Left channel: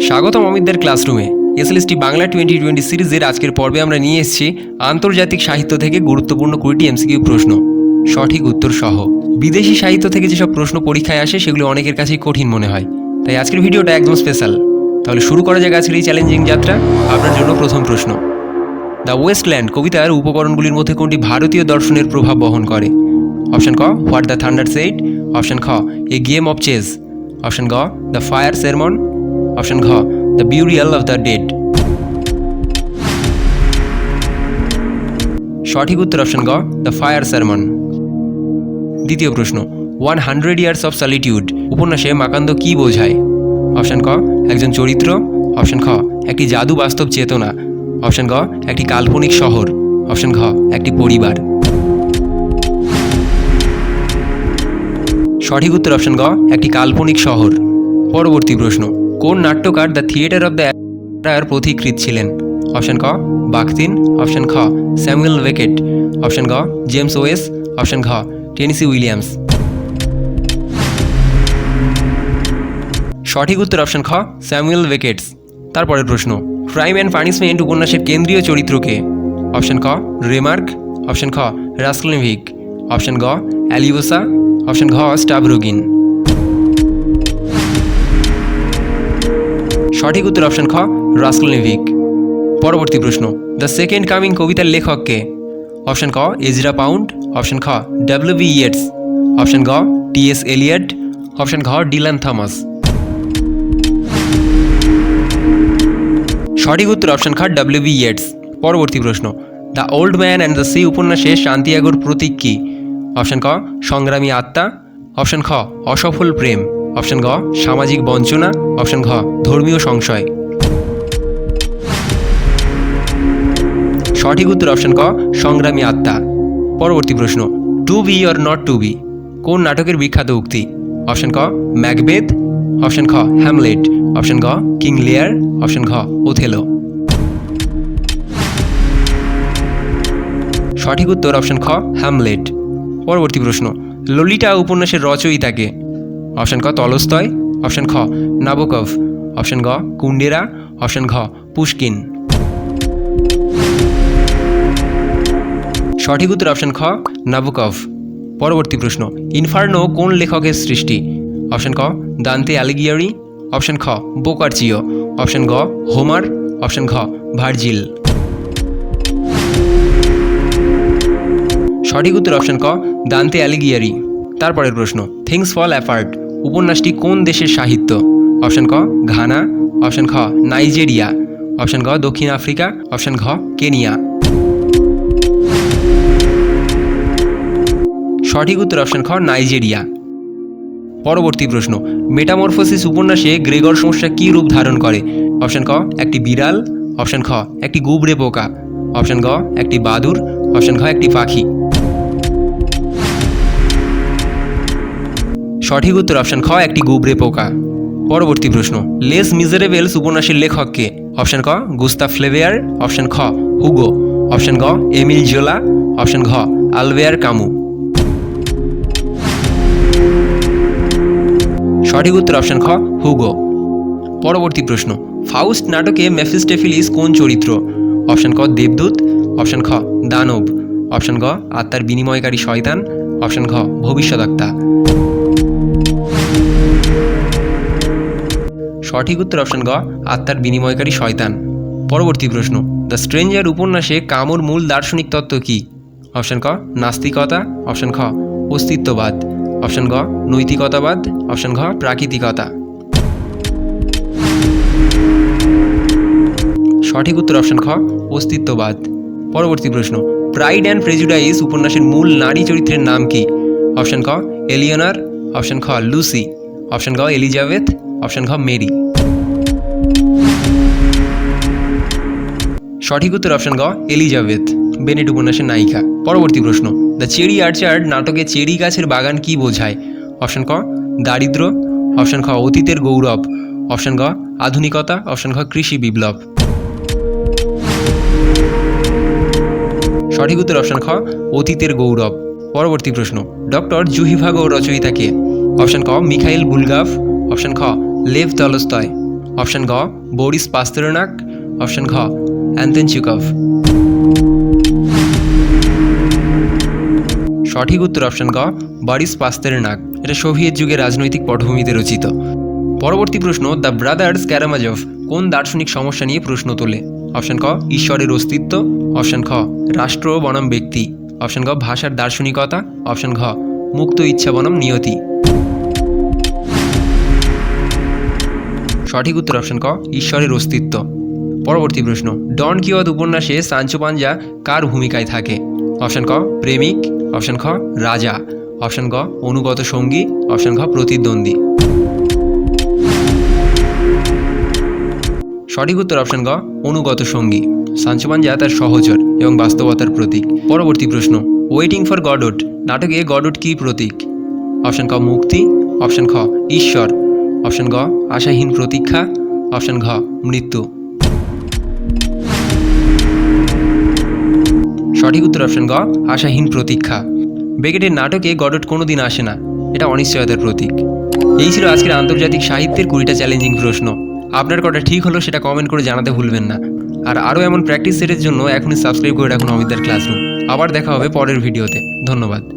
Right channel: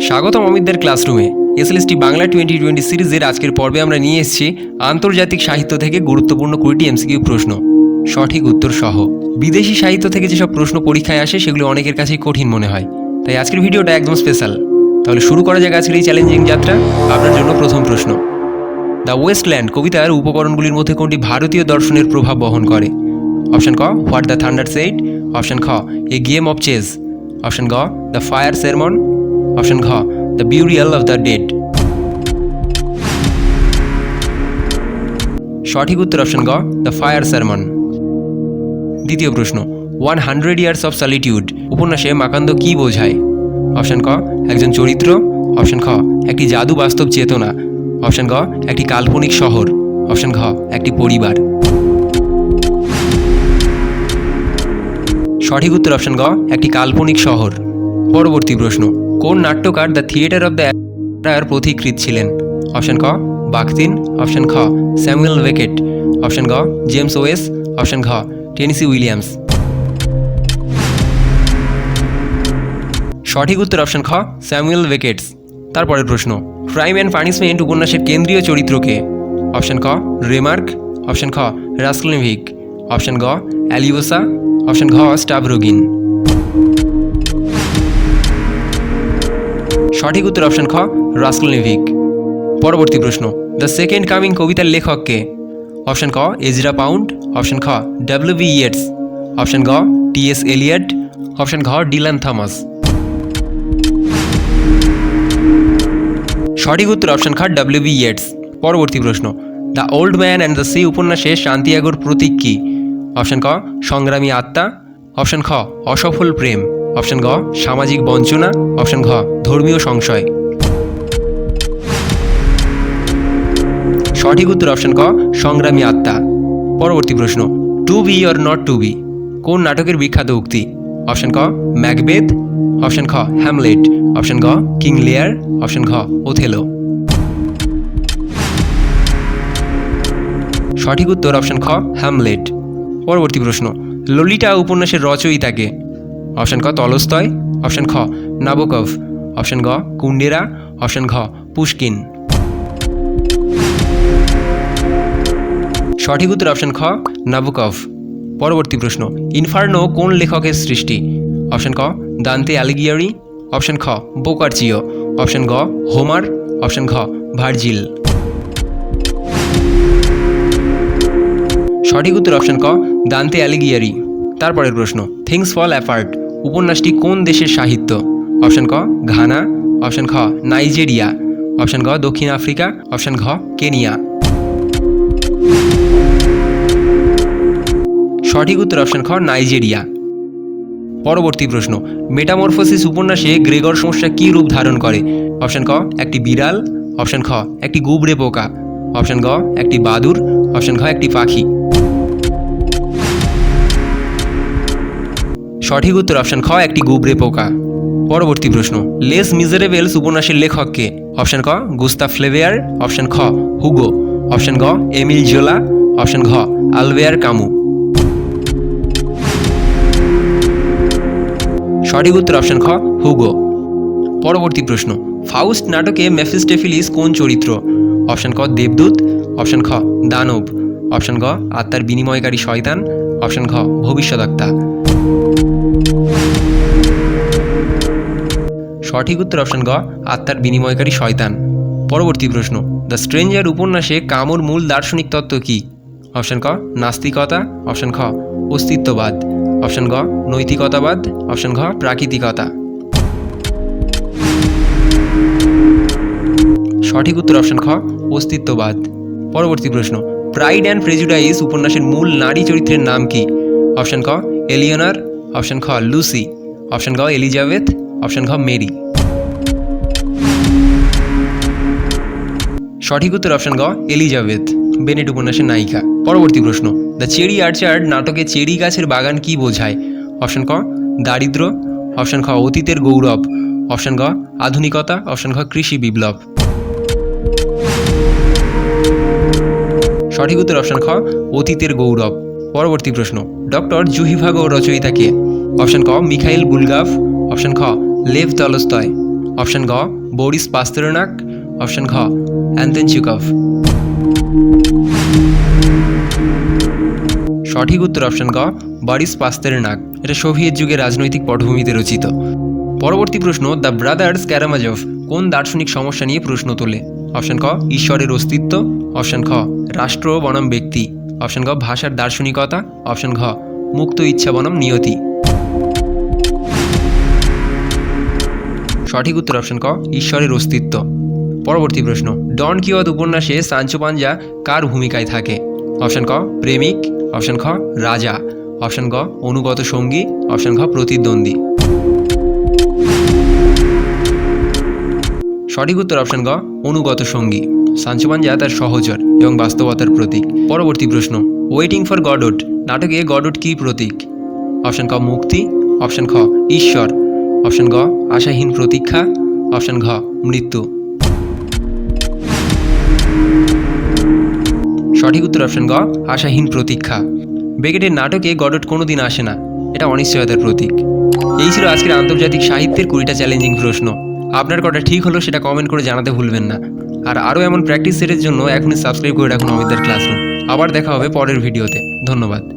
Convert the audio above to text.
স্বাগতম অমিতদের ক্লাসরুমে। SLST Bangla twenty twenty সিরিজের আজকের পর্বে আমরা নিয়ে এসেছি আন্তর্জাতিক সাহিত্য থেকে গুরুত্বপূর্ণ কুড়িটি এমসিকিউ প্রশ্ন। সঠিক উত্তর সহ। বিদেশি সাহিত্য থেকে যেসব প্রশ্ন পরীক্ষায় আসে, সেগুলো অনেকের কাছেই কঠিন মনে হয়। তাই আজকের ভিডিওটা একদম স্পেশাল। তাহলে শুরু করা যাক আজকের এই চ্যালেঞ্জিং যাত্রা। আপনার জন্য প্রথম প্রশ্ন। দ্য ওয়েস্টল্যান্ড কবিতার উপকরণগুলির মধ্যে কোনটি ভারতীয় দর্শনের প্রভাব বহন করে? অপশন ক, what the thunder said option খ, a game of chess. Option গ, দ্য ফায়ার সেরমন। অপশন ঘ the burial of the dead সঠিক উত্তর অপশন গ দ্য ফায়ার সারমন দ্বিতীয় প্রশ্ন one hundred years of solitude উপন্যাসে মাকান্দ কি বোঝায়? অপশন ক, একজন চরিত্র. অপশন খ, একটি জাদু বাস্তব চেতনা. অপশন গ, একটি কাল্পনিক শহর. অপশন ঘ, একটি পরিবার. সঠিক উত্তর অপশন গ একটি কাল্পনিক শহর. পরবর্তী প্রশ্ন কোন নাট্যকার দ্য থিয়েটার অব দ্য এর ছিলেন? অপশন ক বাকতিন অপশন খ, স্যামুয়েল ওয়েকেট অপশন গ, জেমস ওয়েস। অপশন ঘ, টেনিসি উইলিয়ামস। সঠিক উত্তর অপশন খ, স্যামুয়েল ওয়েকেটস তারপরের প্রশ্ন, ক্রাইম অ্যান্ড পানিশমেন্ট উপন্যাসের কেন্দ্রীয় চরিত্রকে অপশন ক, রেমার্ক। অপশন খ রাস্কলেভিক অপশন গ, অ্যালিওসা। অপশন ঘ স্টাবরোগিন সঠিক উত্তর অপশন খ রাস্কলনিভিক পরবর্তী প্রশ্ন, দ্য সেকেন্ড কামিং কবিতার লেখককে অপশন ক, এজরা পাউন্ড। অপশন খ, ডাব্লিউ বি ইয়েটস। অপশন গ, টি এস এলিয়ট। অপশন ঘ, ডিলান থমাস। সঠিক উত্তর অপশন খ, ডাব্লিউ বি ইয়েটস। পরবর্তী প্রশ্ন, the old man and the sea উপন্যাসে শান্তিয়াগোর প্রতীক কী? অপশন ক, সংগ্রামী আত্মা। অপশন খ, অসফল প্রেম। অপশন গ সামাজিক বঞ্চনা। অপশন ঘ, ধর্মীয় সংশয়। সঠিক উত্তর অপশন ক, সংগ্রামী আত্মা। পরবর্তী প্রশ্ন to be or not to be কোন নাটকের বিখ্যাত উক্তি? অপশন ক ম্যাকবেদ অপশন খ, হ্যামলেট। অপশন গ, কিং লেয়ার। অপশন ঘ, ওথেলো। সঠিক উত্তর অপশন খ, হ্যামলেট। পরবর্তী প্রশ্ন, ললিতা উপন্যাসের রচয়িতাকে অপশন ক তলস্তয় অপশন খ, নাবকভ। অপশন গ কুন্ডেরা অপশন ঘ, পুষ্কিন। সঠিক উত্তর অপশন খ, নাবকভ। পরবর্তী প্রশ্ন, ইনফার্নো কোন লেখকের সৃষ্টি? অপশন ক, দান্তে অ্যালিগিয়ারি অপশন খ, বোকারচিও। অপশন গ, হোমার। অপশন ঘ, ভার্জিল। সঠিক উত্তর অপশন ক, দান্তে অ্যালিগিয়ারি তারপরের প্রশ্ন, থিংস ফল অ্যাপার্ট উপন্যাসটি কোন দেশের সাহিত্য? অপশন ক, ঘানা। অপশন খ, নাইজেরিয়া। অপশন ঘ দক্ষিণ আফ্রিকা। অপশন ঘ, কেনিয়া। সঠিক উত্তর অপশন খ, নাইজেরিয়া। পরবর্তী প্রশ্ন, মেটামরফোসিস উপন্যাসে গ্রেগর সমস্যা কী রূপ ধারণ করে? অপশন ক, একটি বিড়াল। অপশন খ, একটি গুবরে পোকা। অপশন গ, একটি বাদুর। অপশন ঘ, একটি পাখি। সঠিক উত্তর অপশন খ, একটি গুবরে পোকা। পরবর্তী প্রশ্ন, লেস মিজারেবেলস উপন্যাসের লেখককে অপশন ক গুস্তা ফ্লেভেয়ার অপশন খ, হুগো। অপশন গ, এমিল জোলা অপশন ঘ, আলভেয়ার কামু। সঠিক উত্তর অপশন খ, হুগো। পরবর্তী প্রশ্ন, ফাউস্ট নাটকে মেফিস্টেফিলিস কোন চরিত্র? অপশন ক, দেবদূত অপশন খ, দানব। অপশন গ, আত্মার বিনিময়কারী শয়তান। অপশন ঘ ভবিষ্যদ্বক্তা সঠিক উত্তর অপশন গ, আত্মার বিনিময়কারী শয়তান। পরবর্তী প্রশ্ন, দ্য স্ট্রেঞ্জার উপন্যাসে কামর মূল দার্শনিক তত্ত্ব কী? অপশন ক, নাস্তিকতা। অপশন খ, অস্তিত্ববাদ। অপশন গ, নৈতিকতাবাদ। অপশন ঘ, প্রাকৃতিকতা। সঠিক উত্তর অপশন খ, অস্তিত্ববাদ। পরবর্তী প্রশ্ন, প্রাইড অ্যান্ড প্রেজুডাইস উপন্যাসের মূল নারী চরিত্রের নাম কি? অপশন খ এলিয়নার। অপশন খ, লুসি। অপশন গ, এলিজাবেথ। অপশন ঘ, মেরি। সঠিক উত্তর অপশন গ এলিজাবেথ, বেনেট উপন্যাসের নায়িকা। পরবর্তী প্রশ্ন, দ্য চেরি আর্চার্ড নাটকে চেরি গাছের বাগান কি বোঝায়? অপশন ক, দারিদ্র। অপশন খ অতীতের গৌরব। অপশন গ আধুনিকতা। অপশন ঘ, কৃষি বিপ্লব। সঠিক উত্তর অপশন খ অতীতের গৌরব। পরবর্তী প্রশ্ন, ডক্টর জুহিভাগ জুহিভাগো রচয়িতাকে অপশন ক, মিখাইল বুলগাফ। অপশন খ লেভ তলস্তয়। অপশন ঘ, বোরিস পাস্তরনাক। অপশন ঘ অ্যান্তেন চিকভ সঠিক উত্তর অপশন গ বরিস পাস্তেরনাক। এটা সোভিয়েত যুগে রাজনৈতিক পটভূমিতে রচিত। পরবর্তী প্রশ্ন, দ্য ব্রাদার্স ক্যারামাজভ কোন দার্শনিক সমস্যা নিয়ে প্রশ্ন তোলে? অপশন ক ঈশ্বরের অস্তিত্ব। অপশন খ রাষ্ট্র বনাম ব্যক্তি। অপশন গ ভাষার দার্শনিকতা। অপশন ঘ, মুক্ত ইচ্ছা বনাম নিয়তি। সঠিক উত্তর অপশন ক, ঈশ্বরের অস্তিত্ব। পরবর্তী প্রশ্ন, ডন কিওয়াদ উপন্যাসে সাঞ্চো পাঞ্জা কার ভূমিকায় থাকে? অপশন ক, প্রেমিক অপশন খ, রাজা অপশন গ অনুগত সঙ্গী অপশন ঘ প্রতিদ্বন্দ্বী। সঠিক উত্তর অপশন গ অনুগত সঙ্গী। সাঞ্চো পাঞ্জা তার সহচর এবং বাস্তবতার প্রতীক। পরবর্তী প্রশ্ন ওয়েটিং ফর গডট নাটকে গডট কী প্রতীক? অপশন ক, মুক্তি অপশন খ, ঈশ্বর। অপশন গ, আশাহীন প্রতীক্ষা। অপশন ঘ, মৃত্যু। সঠিক উত্তর অপশন গ, আশাহীন প্রতীক্ষা। বেগেটের নাটকে গডট কোনোদিন আসে না। এটা অনিশ্চয়তার প্রতীক। এই ছিল আজকের আন্তর্জাতিক সাহিত্যের কুড়িটা চ্যালেঞ্জিং প্রশ্ন। আপনার কটা ঠিক হলো সেটা কমেন্ট করে জানাতে ভুলবেন না। আর আরও এমন প্র্যাকটিস সেটের জন্য এখনই সাবস্ক্রাইব করে রাখুন অমিতার ক্লাসরুম আবার দেখা হবে পরের ভিডিওতে ধন্যবাদ।